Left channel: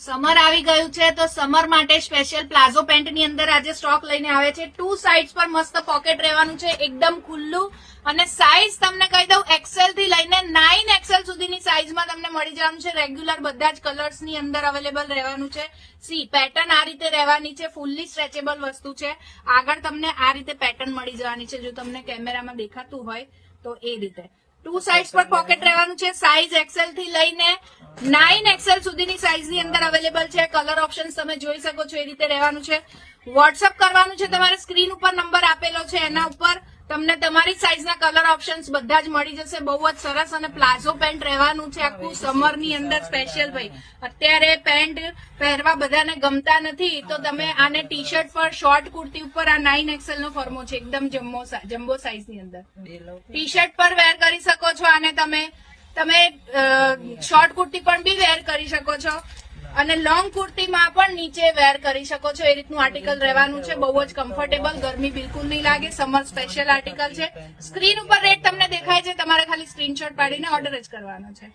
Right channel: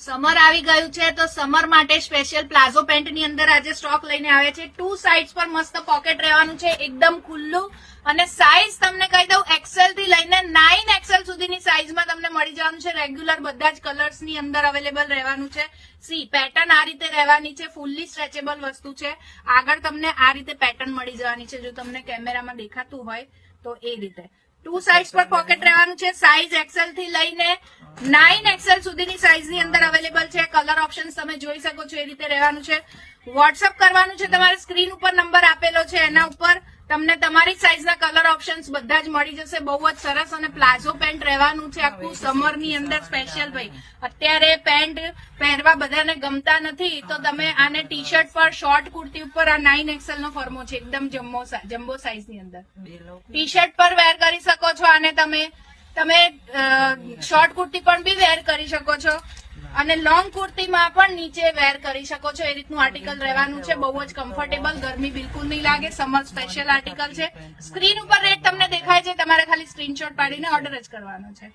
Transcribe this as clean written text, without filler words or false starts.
Summer આવી ગયું છે તો સમર માટે સ્પેશિયલ પ્લાઝો પેન્ટ ની અંદર આજે સ્ટોક લઈને આવે છે. 2 સાઇડ્સ પર મસ્ત પોકેટ રહેવાનું છે, એકદમ ખુલ્લું. અને સાઇઝ તમને કહી દઉં, એક્સેલ થી લઈને 9XL સુધીની સાઇઝમાં તમને મળી જવાનું છે. રેગ્યુલર બધા જ કલર્સ ની અંદર અવેલેબલ રહેવાનું છે. સી પેટર્ન આ રીતે રહેવાની છે, ફૂલ્લી સ્ટ્રેચેબલ વસ્તુ છે. આગળ તમને આ રીતે પેટર્ન મળી જવાની છે, જો તમને કેમેરામાં દેખાતું હોય તો એ રીતે. 2 સાઇડ્સ પર પોકેટ રહેવાનું છે. સાઇઝ એક્સેલ થી લઈને 9XL સુધીની સાઇઝ ની અંદર અવેલેબલ છે. કલર ઓપ્શન તમે જોઈ શકો છો, એ રીતે રહેવાનું છે. વોટ્સઅપ કરવાનું છે, તમારે સ્ક્રીન ઉપર નંબર આપેલો છે, એના ઉપર તમને તમારી સાઇઝના કલર ઓપ્શન્સ બધા જ મળી જશે. બહુ જ સરસ અને પ્લાઝો પેન્ટ રહેવાનું છે આખું સમર ની અંદર સ્પેશિયલ. ભાઈ અત્યારે પેન્ટ પહેરવા બધાને ગમતા નથી, તો તમે આને ટી શર્ટ પર, શોર્ટ કુર્તી ઉપર આ 9XL નો ફોર્મો છે, એકદમ જમ્બો સાઇઝ ની અંદર ટી શર્ટ પર વેર કરી શકો છો. આને તમે શોર્ટ કુર્તી પણ બી વેર કરી શકો છો અને લોંગ કુર્તીમાં પણ નીચે વેર કરી શકો છો. એ રીતનું આર્ટિકલ રહેવાનું છે, બહુ જ કમ્ફર્ટેબલ, ગરમી બિલકુલ નહીં લાગે. સમર સ્પેશિયલ આર્ટિકલ છે. સ્ક્રીન ઉપર રેટ તમને દેખાય છે, તમારે ખાલી સ્ક્રીનશોટ પાડીને ઓર્ડર જ કરવાનો છે.